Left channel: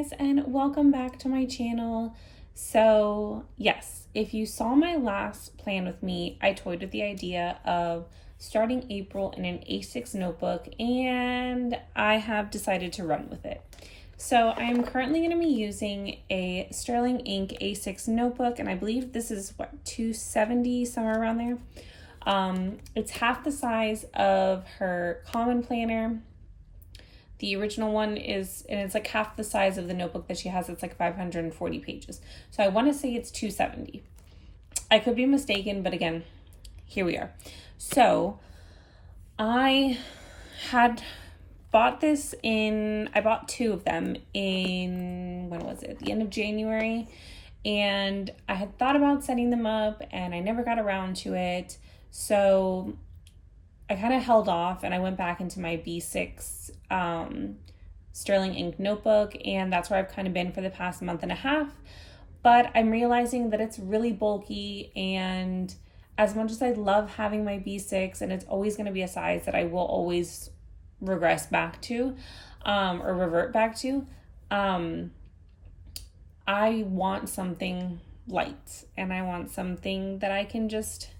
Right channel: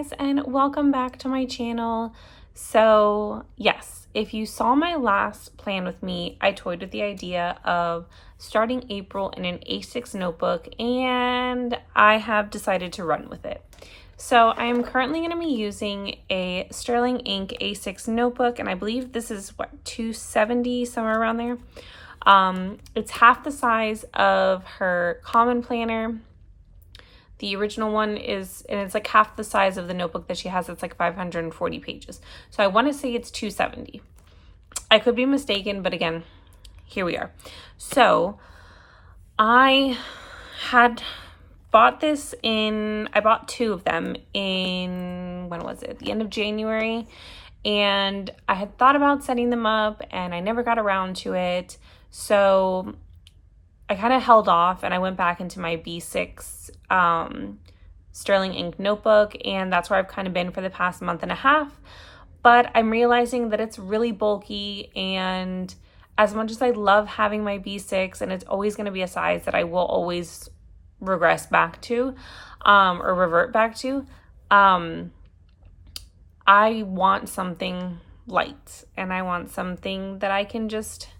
guys, and welcome back to my channel. So yes, if you saw my last plan with me, I toyed with the idea of starting April in an A6 notebook, and I have decided to run with it. So I'm currently going to be using a Sterling Ink A6 notebook, and I believe this is what, 270, somewhere around there. It's half the size of her common planner. The original one is, and it's like half the size of the notebook that she has. It's like 540 pages. So I want to say it's 270. I could be mistaken, but again, here we are. So I had bought this I bought two of them in, when was it? The end of January. And I had thought about setting them up and I never got around to it. So I kind of held off and I went back into my B6 Sterling Ink notebook, and that's where I've kind of been for the past month and a half. But I'm realizing that it's really bulky, and as much as I love having my B6, and it's always going to be a size that I will always regress back to or revert back to, I want something light, and I want something that I can just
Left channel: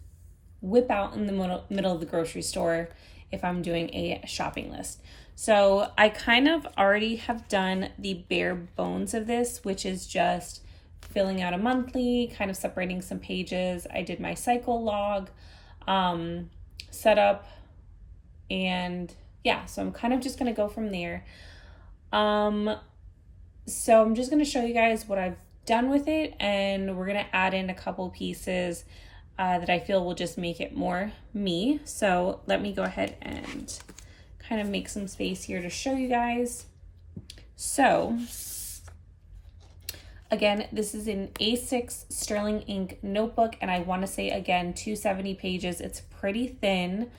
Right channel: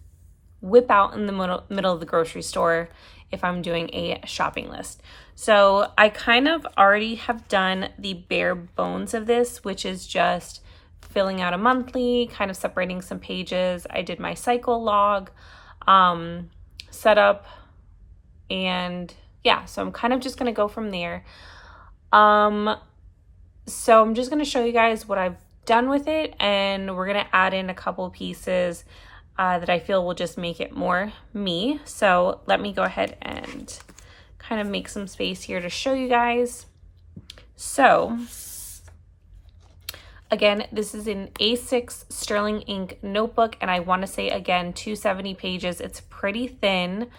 whip out in the middle of the grocery store if I'm doing a shopping list. So I kind of already have done the bare bones of this, which is just filling out a monthly, kind of separating some pages. I did my cycle log setup, and yeah, so I'm kind of just going to go from there. So I'm just going to show you guys what I've done with it, and we're going to add in a couple pieces that I feel will just make it more me. So let me go ahead and kind of make some space here to show you guys. So again, this is an A6 Sterling Ink notebook, and I want to say again 270 pages. It's pretty thin,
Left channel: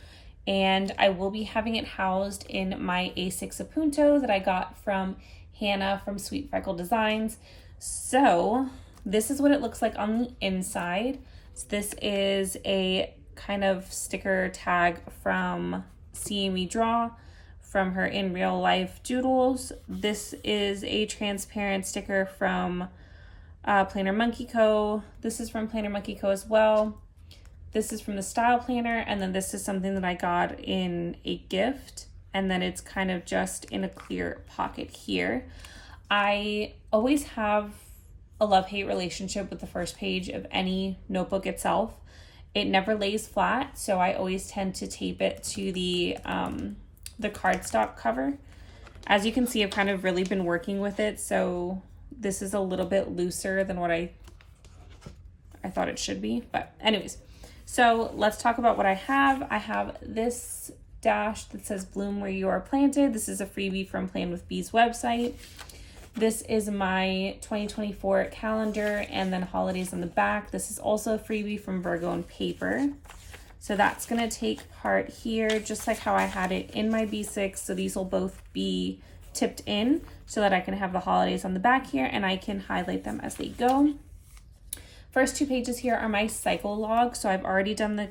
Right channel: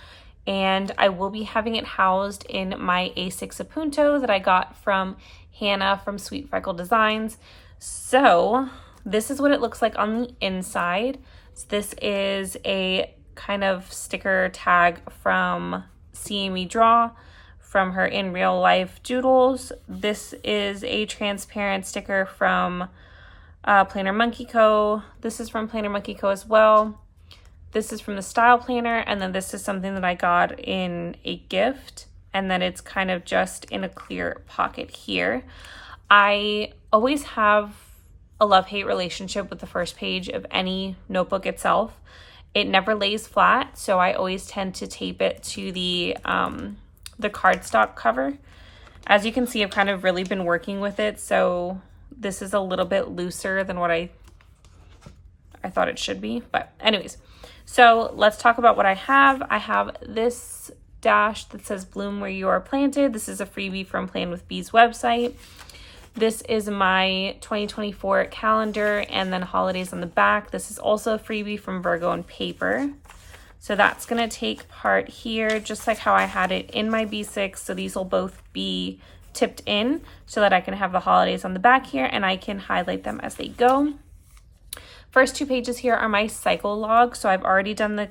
and I will be having it housed in my A6 Apunto that I got from Hannah from Sweet Freckle Designs. So this is what it looks like on the inside. So this is a kind of sticker tag from CME Draw from her In Real Life Doodles. This is a transparent sticker from Planner Monkey Co. This is from Planner Monkey Co. as well. This is from the Style Planner, and then this is something that I got in a gift, and then it's kind of just in a clear pocket here. I always have a love-hate relationship with the first page of any notebook itself. It never lays flat, so I always tend to tape it to the cardstock cover. As you can see, I've kind of really been working with it, so this is a little bit looser than what I thought it should be. But anyways, so let's talk about what I have. I have this dash that says "Bloom Where You Are Planted." This is a freebie from Plan with Bees website. This is my 2024 calendar, and then holidays on the back. This is also a freebie from Virgo and Paper. So that's going to take part here, just like how I had it in my B6. So these will both be tipped in so that I can have the holidays on the back here, and I can highlight them as they go. First two pages here are my cycle log. So I've already done the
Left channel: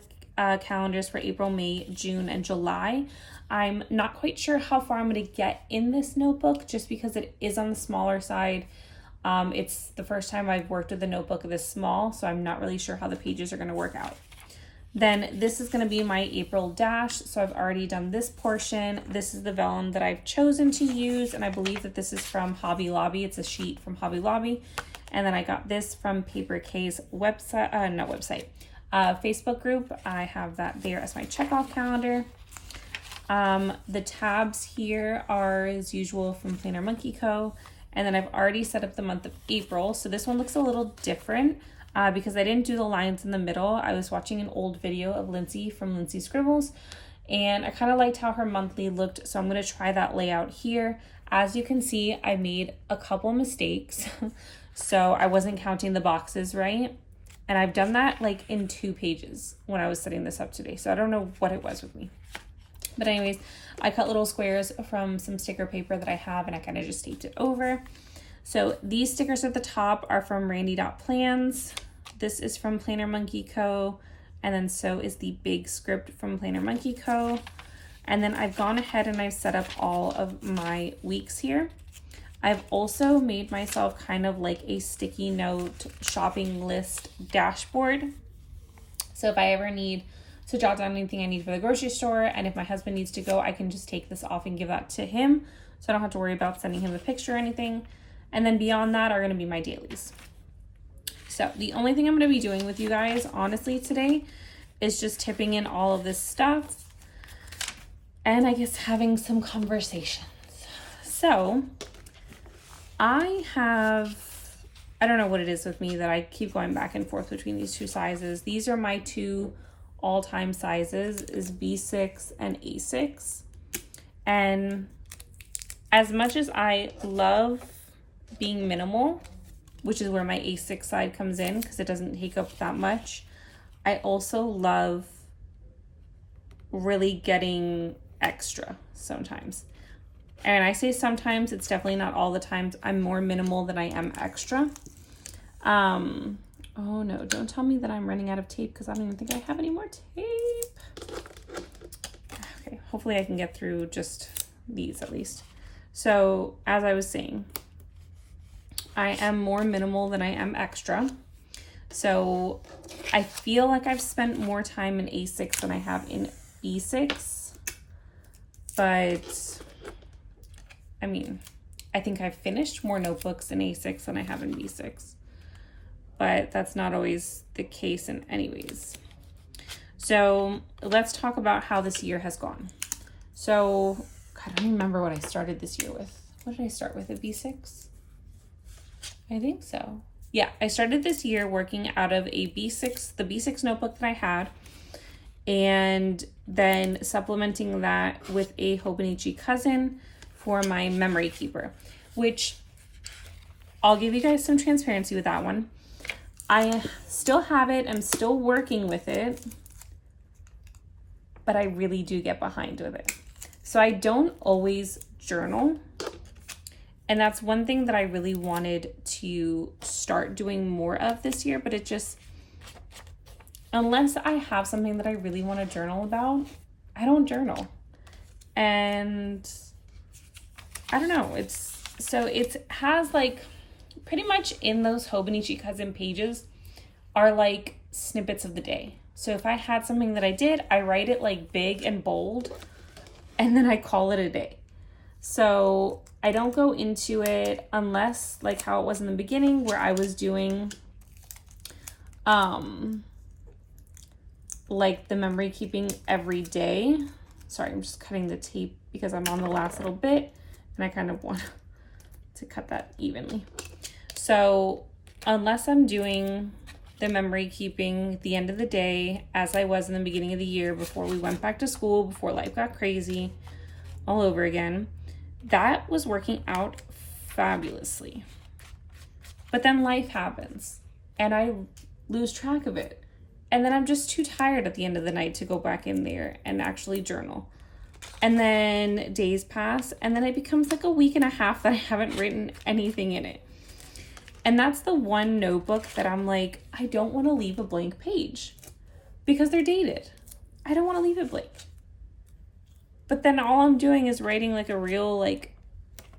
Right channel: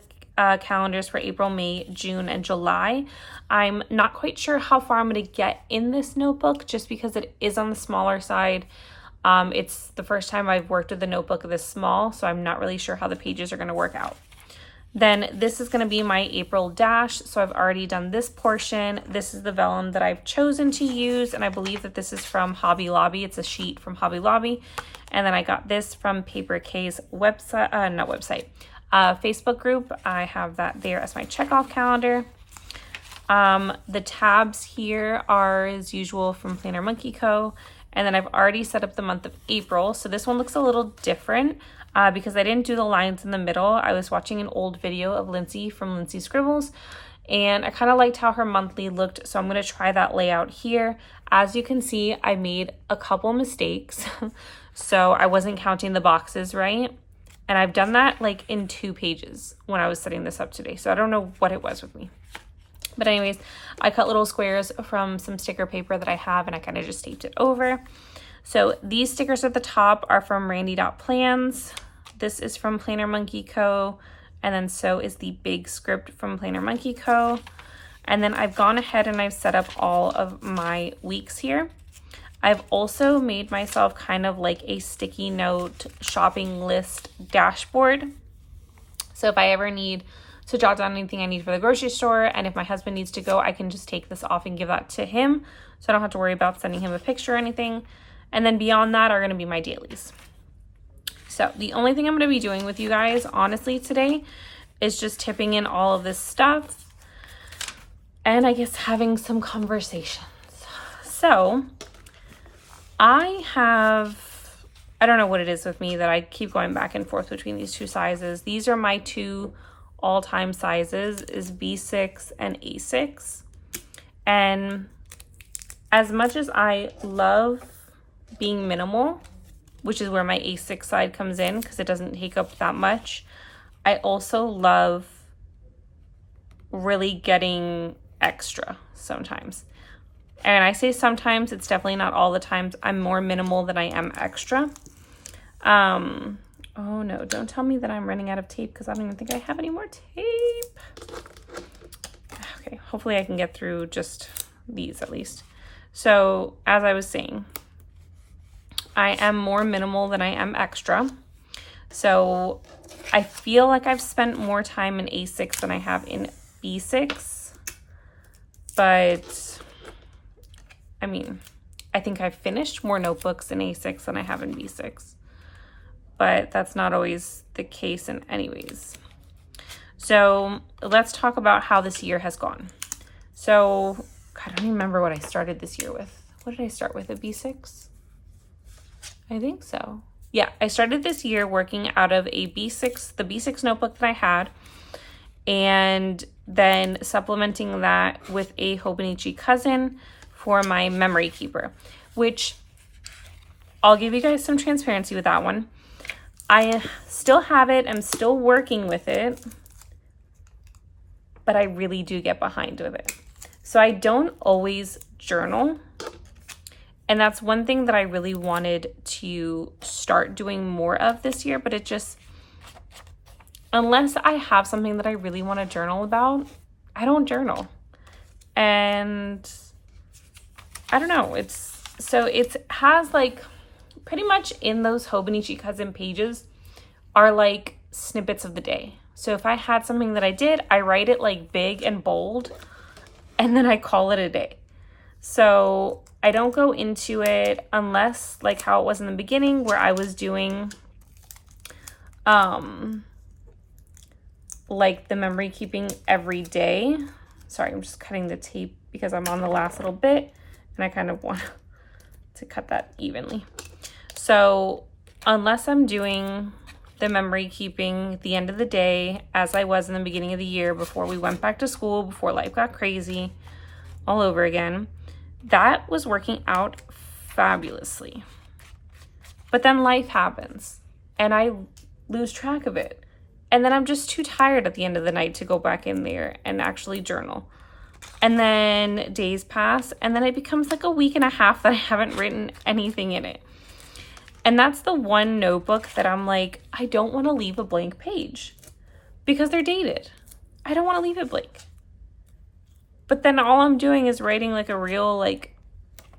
calendars for April, May, June, and July. I'm not quite sure how far I'm going to get in this notebook just because it is on the smaller side. It's the first time I've worked with a notebook this small, so I'm not really sure how the pages are going to work out. Then this is going to be my April dash. So I've already done this portion. This is the vellum that I've chosen to use, and I believe that this is from Hobby Lobby. It's a sheet from Hobby Lobby. And then I got this from Paper K's website, Facebook group. I have that there as my checkoff calendar. The tabs here are as usual from Planner Monkey Co. And then I've already set up the month of April. So this one looks a little different because I didn't do the lines in the middle. I was watching an old video of Lindsay from Lindsay Scribbles, and I kind of liked how her monthly looked. So I'm going to try that layout here. As you can see, I made a couple mistakes. So I wasn't counting the boxes right. And I've done that like in 2 pages when I was setting this up today. So I don't know what it was with me. But anyways, I cut little squares from some sticker paper that I have, and I kind of just taped it over. So these stickers at the top are from Randy.Plans. This is from Planner Monkey Co. And then so is the big script from Planner Monkey Co. And then I've gone ahead and I've set up all of my weeks here. I've also made myself kind of like a sticky note shopping list dashboard. So if I ever need to jot down anything I need for the grocery store, and if my husband needs to go, I can just take this off and give that to him. So I don't have to worry about sending him a picture or anything. And then beyond that are gonna be my dailies. So the only thing I'm gonna be doing with you guys, honestly, today is just tipping in all of this stuff and I guess having some conversations. So I don't know what it is with me that I keep going back and forth between these two sizes. These are my two all-time sizes, is B6 and A6. And as much as I love being minimal, which is where my A6 side comes in because it doesn't take up that much, I also love really getting extra sometimes. And I say sometimes, it's definitely not all the times. I'm more minimal than I am extra. Oh no, don't tell me that I'm running out of tape because I don't even think I have any more tape. Okay, hopefully I can get through just these at least. So as I was saying, I am more minimal than I am extra. So I feel like I've spent more time in A6 than I have in B6, but I mean, I think I've finished more notebooks in A6 than I have in B6, but that's not always the case in anyways. So let's talk about how this year has gone. So, God, I don't remember what I started this year with. What did I start with, a B6? I think so. Yeah, I started this year working out of a B6, the B6 notebook that I had, and then supplementing that with a Hobonichi cousin for my memory keeper, which I'll give you guys some transparency with that one. I still have it, I'm still working with it, but I really do get behind with it. So I don't always journal. And that's one thing that I really wanted to start doing more of this year, but it just, unless I have something that I really want to journal about, I don't journal. And I don't know, it has like pretty much in those Hobonichi cousin pages are like snippets of the day. So if I had something that I did, I write it like big and bold and then I call it a day. So I don't go into it unless like how it was in the beginning where I was doing like the memory keeping every day. Sorry, I'm just cutting the tape because I'm on the last little bit and I kind of want to cut that evenly. So unless I'm doing the memory keeping at the end of the day, as I was in the beginning of the year before we went back to school, before life got crazy all over again, that was working out fabulously. But then life happens and I lose track of it. And then I'm just too tired at the end of the night to go back in there and actually journal. And then days pass and then it becomes like a week and a half that I haven't written anything in it. And that's the one notebook that I'm like, I don't want to leave a blank page because they're dated. I don't want to leave it blank. But then all I'm doing is writing like a real like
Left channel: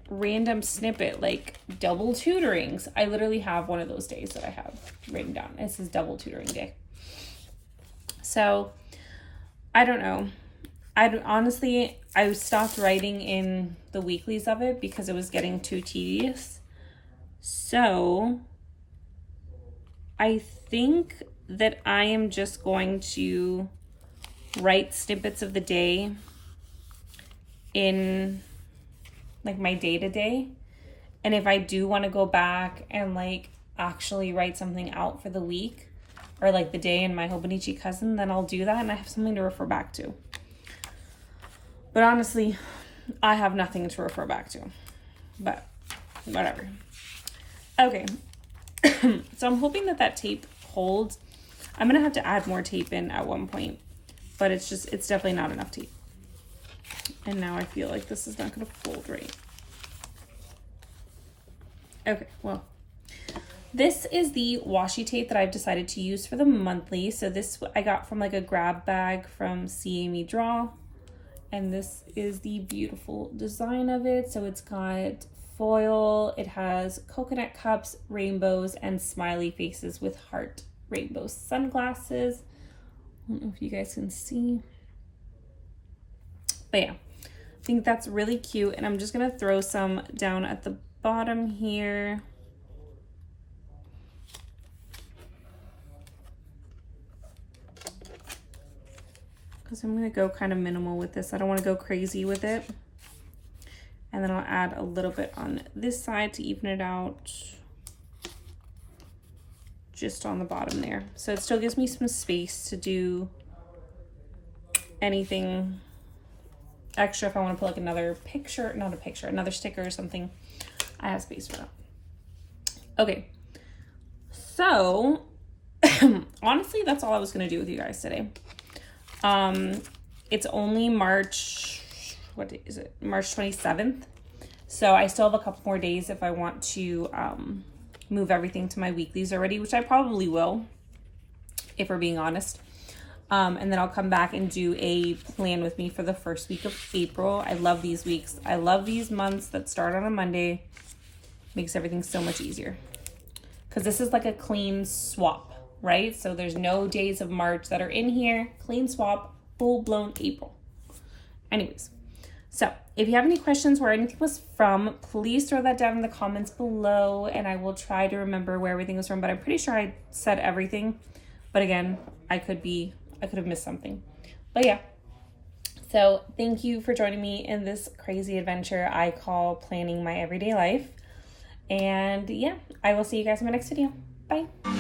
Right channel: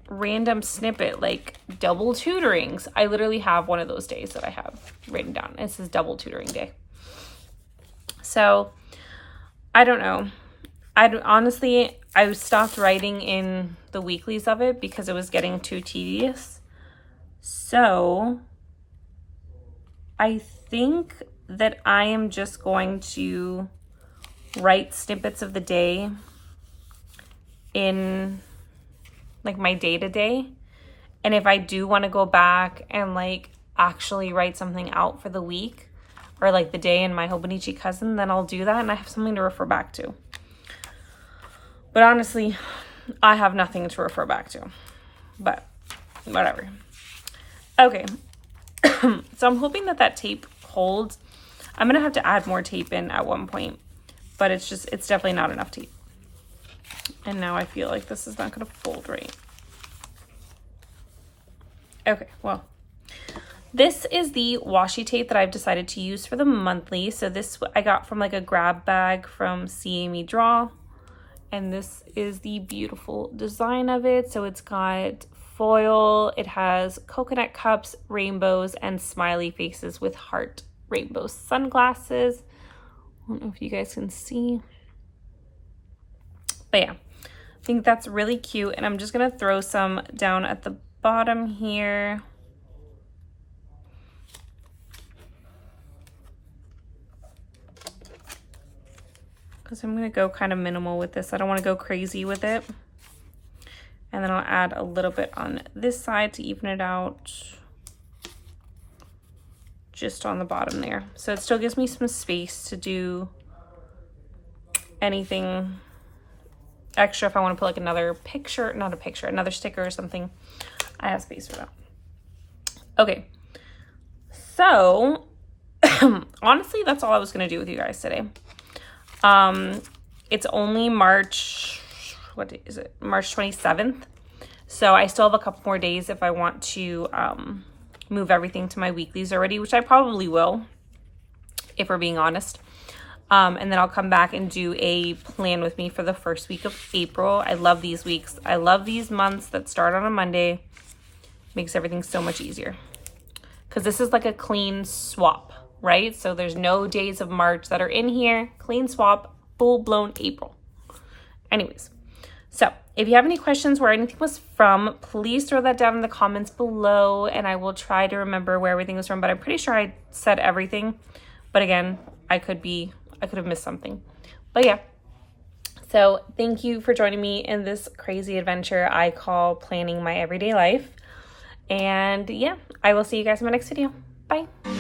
random snippet, like double tutorings. I literally have one of those days that I have written down. It says double tutoring day. So I don't know. I stopped writing in the weeklies of it because it was getting too tedious. So I think that I am just going to write snippets of the day in like my day-to-day. And if I do want to go back and like actually write something out for the week or like the day in my Hobonichi cousin, then I'll do that and I have something to refer back to. But honestly, I have nothing to refer back to, but whatever. Okay, so I'm hoping that that tape holds. I'm gonna have to add more tape in at one point, but it's definitely not enough tape. And now I feel like this is not gonna fold right. Okay, well, this is the washi tape that I've decided to use for the monthly. So this I got from like a grab bag from See Amy Draw. And this is the beautiful design of it. So it's got foil, it has coconut cups, rainbows, and smiley faces with heart rainbow sunglasses. I don't know if you guys can see. But yeah, I think that's really cute. And I'm just gonna throw some down at the bottom here. Because I'm gonna go kind of minimal with this. I don't wanna go crazy with it. And then I'll add a little bit on this side to even it out. Just on the bottom there. So it still gives me some space to do anything extra if I want to put like another picture, not a picture, another sticker or something. I have space for that. Okay, so honestly, that's all I was going to do with you guys today. It's only March, what is it? March 27th. So I still have a couple more days if I want to move everything to my weeklies already, which I probably will, if we're being honest. And then I'll come back and do a plan with me for the first week of April. I love these weeks. I love these months that start on a Monday. Makes everything so much easier. Because this is like a clean swap, right? So there's no days of March that are in here. Clean swap, full-blown April. Anyways, so if you have any questions where anything was from, please throw that down in the comments below and I will try to remember where everything was from, but I'm pretty sure I said everything. But again, I could have missed something. But yeah, so thank you for joining me in this crazy adventure I call planning my everyday life. And yeah, I will see you guys in my next video. Bye.